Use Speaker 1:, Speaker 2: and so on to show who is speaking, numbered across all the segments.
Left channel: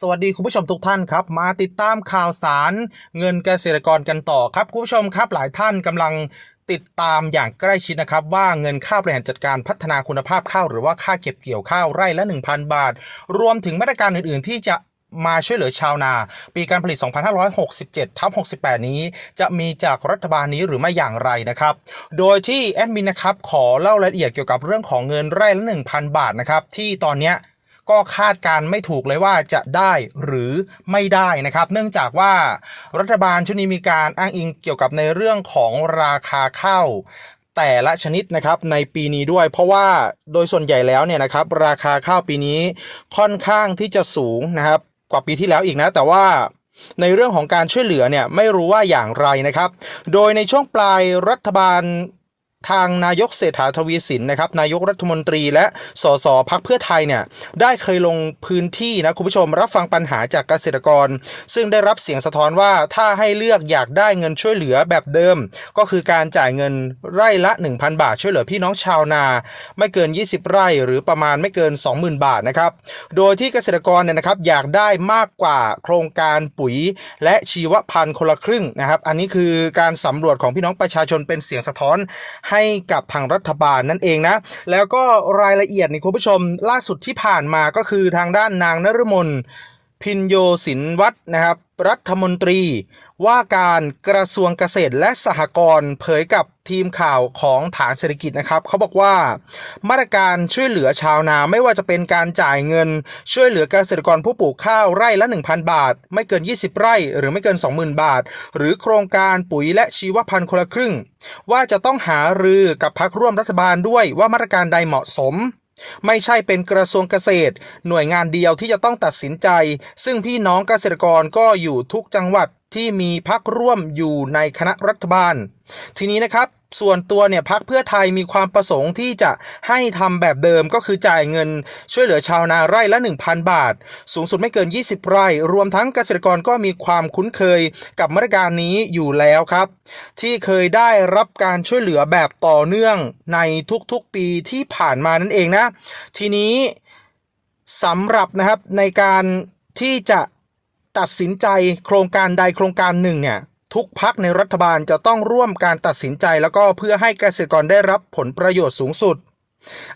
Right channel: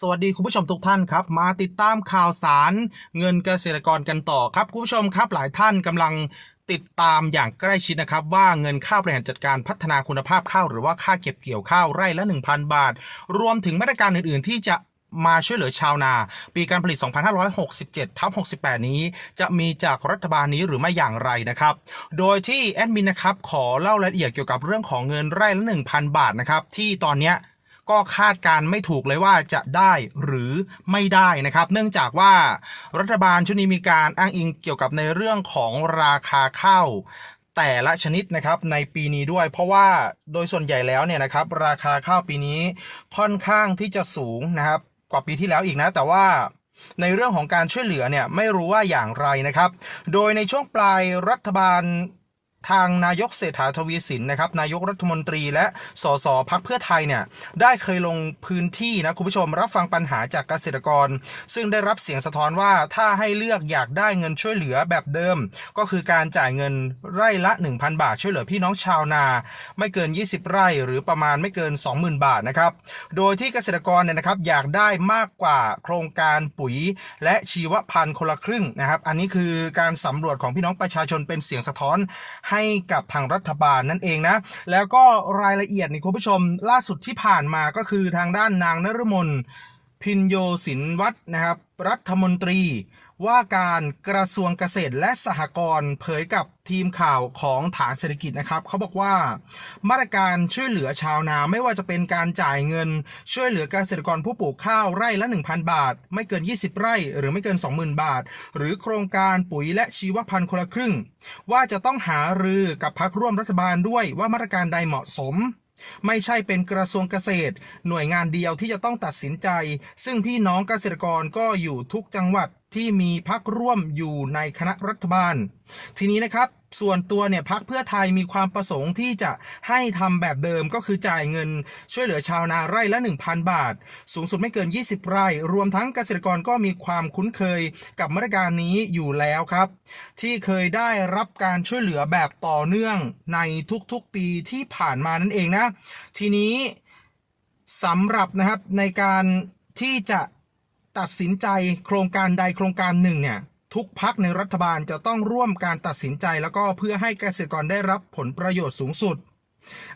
Speaker 1: สวัสดีคุณผู้ชมทุกท่านครับ มาติดตามข่าวสารเงินเกษตรกรกันต่อครับคุณผู้ชมครับหลายท่านกำลังติดตามอย่างใกล้ชิดนะครับ ว่าเงินค่าบริหารจัดการพัฒนาคุณภาพข้าวหรือว่าค่าเก็บเกี่ยวข้าวไร่ละ 1,000 บาท รวมถึงมาตรการอื่น ๆ ที่จะมาช่วยเหลือชาวนา ปีการผลิต 2567ทับ68 นี้ จะมีจากรัฐบาลนี้หรือไม่อย่างไรนะครับ โดยที่แอดมินนะครับขอเล่ารายละเอียดเกี่ยวกับเรื่องของเงินไร่ละ 1,000 บาทนะครับที่ตอนเนี้ย ก็คาดการไม่ถูกเลยว่าจะได้หรือไม่ได้นะครับ เนื่องจากว่ารัฐบาลชุดนี้มีการอ้างอิงเกี่ยวกับในเรื่องของราคาข้าวแต่ละชนิดนะครับในปีนี้ด้วย เพราะว่าโดยส่วนใหญ่แล้วเนี่ยนะครับราคาข้าวปีนี้ค่อนข้างที่จะสูงนะครับกว่าปีที่แล้วอีกนะ แต่ว่าในเรื่องของการช่วยเหลือเนี่ยไม่รู้ว่าอย่างไรนะครับ โดยในช่วงปลายรัฐบาล ทางนายกเศรษฐาทวีสินนะครับนายกรัฐมนตรีและสสพักเพื่อไทยเนี่ยได้เคยลงพื้นที่นะคุณผู้ชมรับฟังปัญหาจากเกษตรกร ซึ่งได้รับเสียงสะท้อนว่าถ้าให้เลือกอยากได้เงินช่วยเหลือแบบเดิม ก็คือการจ่ายเงินไร่ละ 1,000 บาทช่วยเหลือพี่น้องชาวนา ไม่เกิน 20 ไร่หรือประมาณไม่เกิน 20,000 บาทนะครับโดยที่เกษตรกรเนี่ยนะครับอยากได้มากกว่าโครงการปุ๋ย และชีวพันธุ์คนละครึ่งนะครับอันนี้คือการสำรวจของพี่น้องประชาชนเป็นเสียงสะท้อนใให้กับทางรัฐบาลนั่นเองนะ แล้วก็รายละเอียดนี่คุณผู้ชมล่าสุดที่ผ่านมาก็คือทางด้านนางนรมนพินโยสินวัฒน์นะครับรัฐมนตรี ว่าการกระทรวงเกษตรและสหกรณ์เผยกับทีมข่าวของฐานเศรษฐกิจนะครับเขาบอกว่า มาตรการช่วยเหลือชาวนาไม่ว่าจะเป็นการจ่ายเงิน ช่วยเหลือเกษตรกรผู้ปลูกข้าวไร่ละ 1,000 บาท ไม่เกิน 20 ไร่ หรือไม่เกิน 20,000 บาท หรือโครงการปุ๋ยและชีวพันธุ์คนละครึ่ง ว่าจะต้องหารือกับพักร่วมรัฐบาลด้วยว่ามาตรการใดเหมาะสมไม่ใช่เป็นกระทรวงเกษตร หน่วยงานเดียวที่จะต้องตัดสินใจ ซึ่งพี่น้องเกษตรกรก็อยู่ทุกจังหวัด ที่มีพักร่วมอยู่ในคณะรัฐบาล ทีนี้นะครับส่วนตัวเนี่ยพักเพื่อไทยมีความประสงค์ที่จะให้ทำแบบเดิมก็คือจ่ายเงินช่วยเหลือชาวนาไร่ละ 1,000 บาท สูงสุดไม่เกิน 20 ไร่ รวมทั้งเกษตรกรก็มีความคุ้นเคยกับมาตรการนี้อยู่แล้วครับ ที่เคยได้รับการช่วยเหลือแบบต่อเนื่องในทุกๆปีที่ผ่านมานั่นเองนะ ทีนี้สำหรับนะครับในการที่จะ ตัดสินใจโครงการใดโครงการหนึ่งเนี่ยทุกพักในรัฐบาลจะต้องร่วมการตัดสินใจแล้วก็เพื่อให้เกษตรกรได้รับผลประโยชน์สูงสุด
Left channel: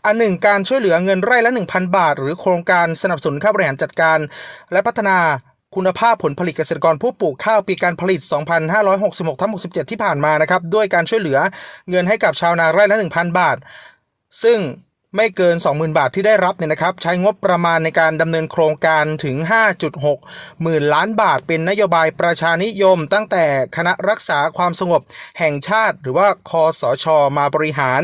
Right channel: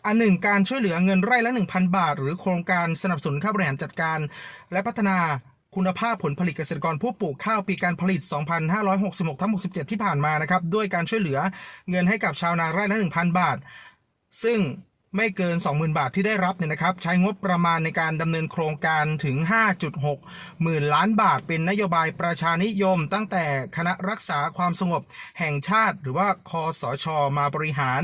Speaker 1: อันหนึ่งการช่วยเหลือเงินไร่ละ 1,000 บาท หรือโครงการสนับสนุนค่าบริหารจัดการ และพัฒนาคุณภาพผลผลิตเกษตรกรผู้ปลูกข้าวปีการผลิต 2566ทั้ง67 ที่ผ่านมานะครับ ด้วยการช่วยเหลือเงินให้กับชาวนาไร่ละ 1,000 บาท ซึ่ง ไม่เกิน 20,000 บาทที่ได้รับเนี่ยนะครับ ใช้งบประมาณในการดำเนินโครงการถึง 5.6 หมื่นล้านบาท เป็นนโยบายประชานิยม ตั้งแต่คณะรักษาความสงบแห่งชาติ หรือว่าคอสชมาบริหาร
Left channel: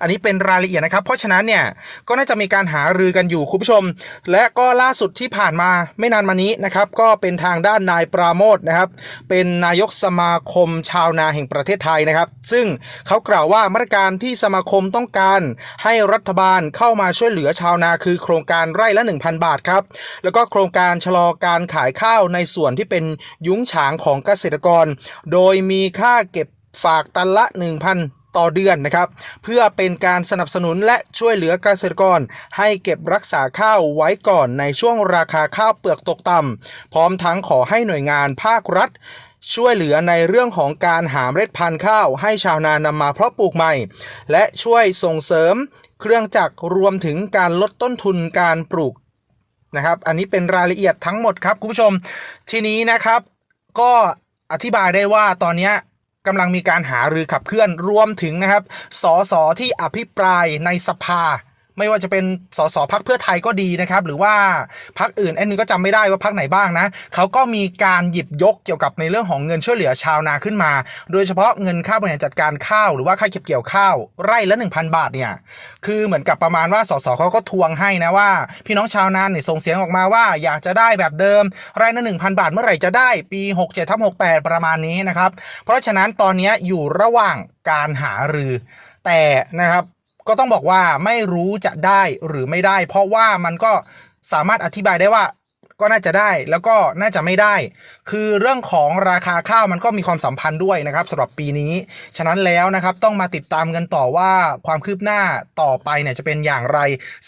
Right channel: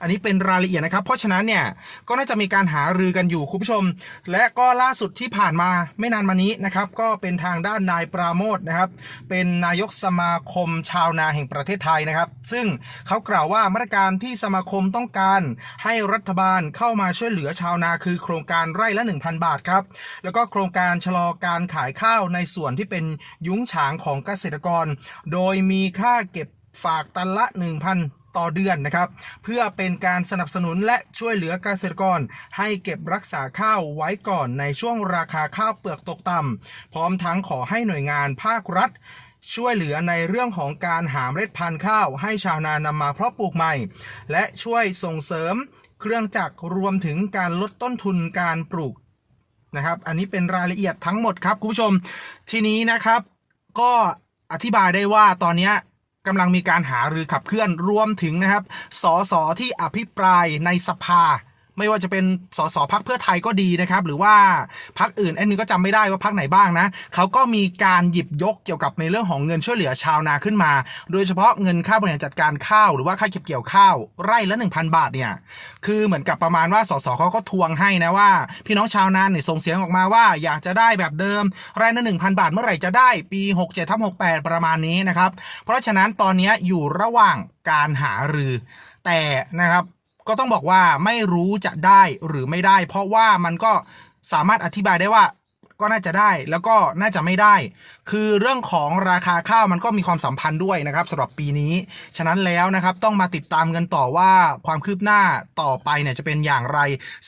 Speaker 1: อันนี้เป็นรายละเอียดนะครับ เพราะฉะนั้นเนี่ยก็น่าจะมีการหารือกันอยู่คุณผู้ชม และก็ล่าสุดที่ผ่านมาไม่นานมานี้นะครับ ก็เป็นทางด้านนายปราโมทนะครับ เป็นนายกสมาคมชาวนาแห่งประเทศไทยนะครับ ซึ่งเขากล่าวว่ามาตรการที่สมาคมต้องการ ให้รัฐบาลเข้ามาช่วยเหลือชาวนาคือโครงการไร่ละ 1,000 บาทครับ แล้วก็โครงการชะลอการขายข้าวในส่วนที่เป็นยุ้งฉางของเกษตรกร โดยมีค่าเก็บฝากตันละ 1,000 ต่อเดือนนะครับ เพื่อเป็นการสนับสนุนและช่วยเหลือเกษตรกร ให้เก็บรักษาข้าวไว้ก่อนในช่วงราคาข้าวเปลือกตกต่ำพร้อมทั้งขอให้หน่วยงานภาครัฐช่วยเหลือในเรื่องของการหาเมล็ดพันธุ์ข้าวให้ชาวนานำมาเพาะปลูกใหม่ และช่วยส่งเสริมเครื่องจักรรวมถึงการลดต้นทุนการปลูกนะครับ อันนี้เป็นรายละเอียดทั้งหมดครับคุณผู้ชม ทีนี้นะครับก็อธิบายได้ว่าตอนนี้ กำลังมีการหารือขับเคลื่อนรวมถึงนะครับสสที่อภิปรายในสภา ไม่ว่าจะเป็นสสพักเพื่อไทยก็ดีนะครับ หรือว่าพักอื่นแอนนี่ก็จำไม่ได้ว่าพักไหนบ้างนะเขาก็มีการหยิบยกเกี่ยวกับในเรื่องของเงินช่วยเหลือชาวนาขึ้นมา โดยเฉพาะเงินค่าบริหารจัดการข้าวหรือว่าค่าเก็บเกี่ยวข้าวไร่ละ 1,000 บาทเนี่ยคือเหมือนกับประมาณว่าสสเขาก็ทวงให้นะว่า พี่น้องชาวนาเนี่ยส่งเสียงออกมาว่าอยากจะได้แบบเดิมไร่ละ1,000 บาทเมื่อไหร่จะได้ปี 67ทับ68 ประมาณนี้นะครับ เพราะฉะนั้นตอนนี้อยู่ระหว่างการหารือแต่นะครับ ก็ต้องบอกว่าไม่รู้จะได้หรือไม่ได้ เพราะว่ามันก็สามารถอธิบายได้ว่าก็น่าจะได้แล้วก็น่าจะไม่ได้ คือเรื่องของราคาข้าวมันก็มีความสัมพันธ์ด้วยนะครับสำหรับปีนี้ ฉะนั้นแล้วนะครับต้องมาติดตามกันต่อว่าความคืบหน้าต่อไปเนี่ยจะเป็นอย่างไร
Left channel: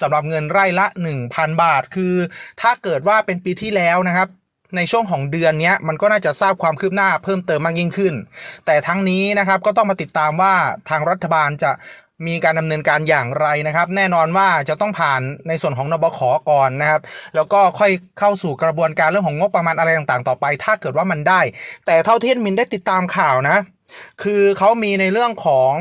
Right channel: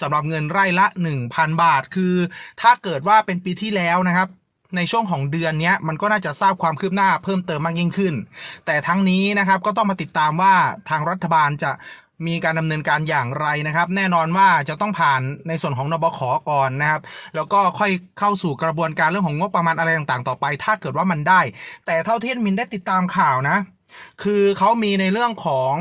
Speaker 1: สำหรับเงินไร่ละ 1,000 บาท คือ ถ้าเกิดว่าเป็นปีที่แล้วนะครับ ในช่วงของเดือนเนี้ยมันก็น่าจะทราบความคืบหน้าเพิ่มเติมมากยิ่งขึ้น แต่ทั้งนี้นะครับก็ต้องมาติดตามว่าทางรัฐบาลจะ มีการดำเนินการอย่างไรนะครับ แน่นอนว่าจะต้องผ่านในส่วนของนบขก่อนนะครับ แล้วก็ค่อยเข้าสู่กระบวนการเรื่องของงบประมาณอะไรต่างๆ ต่อไป ถ้าเกิดว่ามันได้ แต่เท่าที่มินได้ติดตามข่าวนะ คือเขามีในเรื่องของ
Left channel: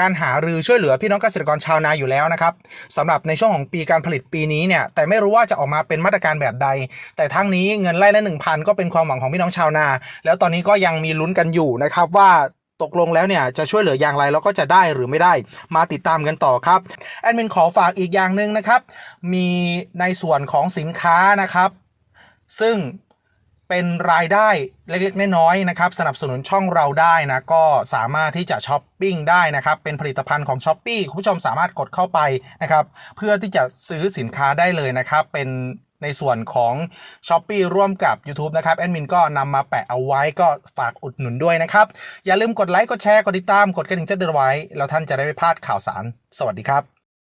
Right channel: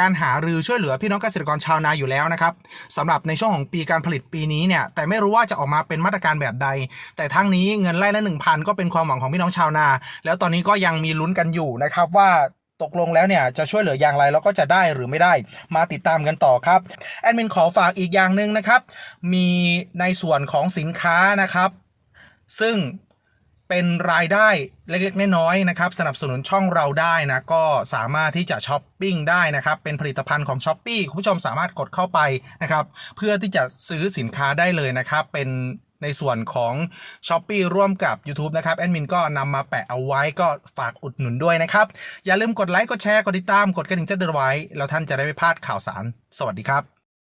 Speaker 1: การหารือช่วยเหลือพี่น้องเกษตรกรชาวนาอยู่แล้วนะครับสำหรับในช่วงของปีการผลิตปีนี้เนี่ยแต่ไม่รู้ว่าจะออกมาเป็นมาตรการแบบใด แต่ทั้งนี้เงินไร่ละ1,000 ก็เป็นความหวังของพี่น้องชาวนา แล้วตอนนี้ก็ยังมีลุ้นกันอยู่นะครับว่า ตกลงแล้วเนี่ยจะช่วยเหลืออย่างไรแล้วก็จะได้หรือไม่ได้มาติดตามกันต่อครับแอดมินขอฝากอีกอย่างหนึ่งนะครับ มีในส่วนของสินค้านะครับ ซึ่งเป็นรายได้เล็กๆ น้อยๆนะครับ สนับสนุนช่องเราได้นะ ก็สามารถที่จะช้อปปิ้งได้นะครับ เป็นผลิตภัณฑ์ของ s h อ p e e คุณผู้ชมสามารถกดเข้าไปนะครับ เพื่อที่จะซื้อสินค้าได้เลยนะครับ เป็น ในส่วนของ s h อ p e e ร่วมกับ YouTube นะครับ แอดมินก็นำมาแปะเอาไว้ก็ฝากอุดหนุนด้วยนะครับ อย่าลืมกดไลค์ กดแชร์ กดติดตาม กดกระดิ่งแจ้งเตือนไว้ แล้วท่านจะได้ไม่พลาดข่าวสาร สวัสดีครับ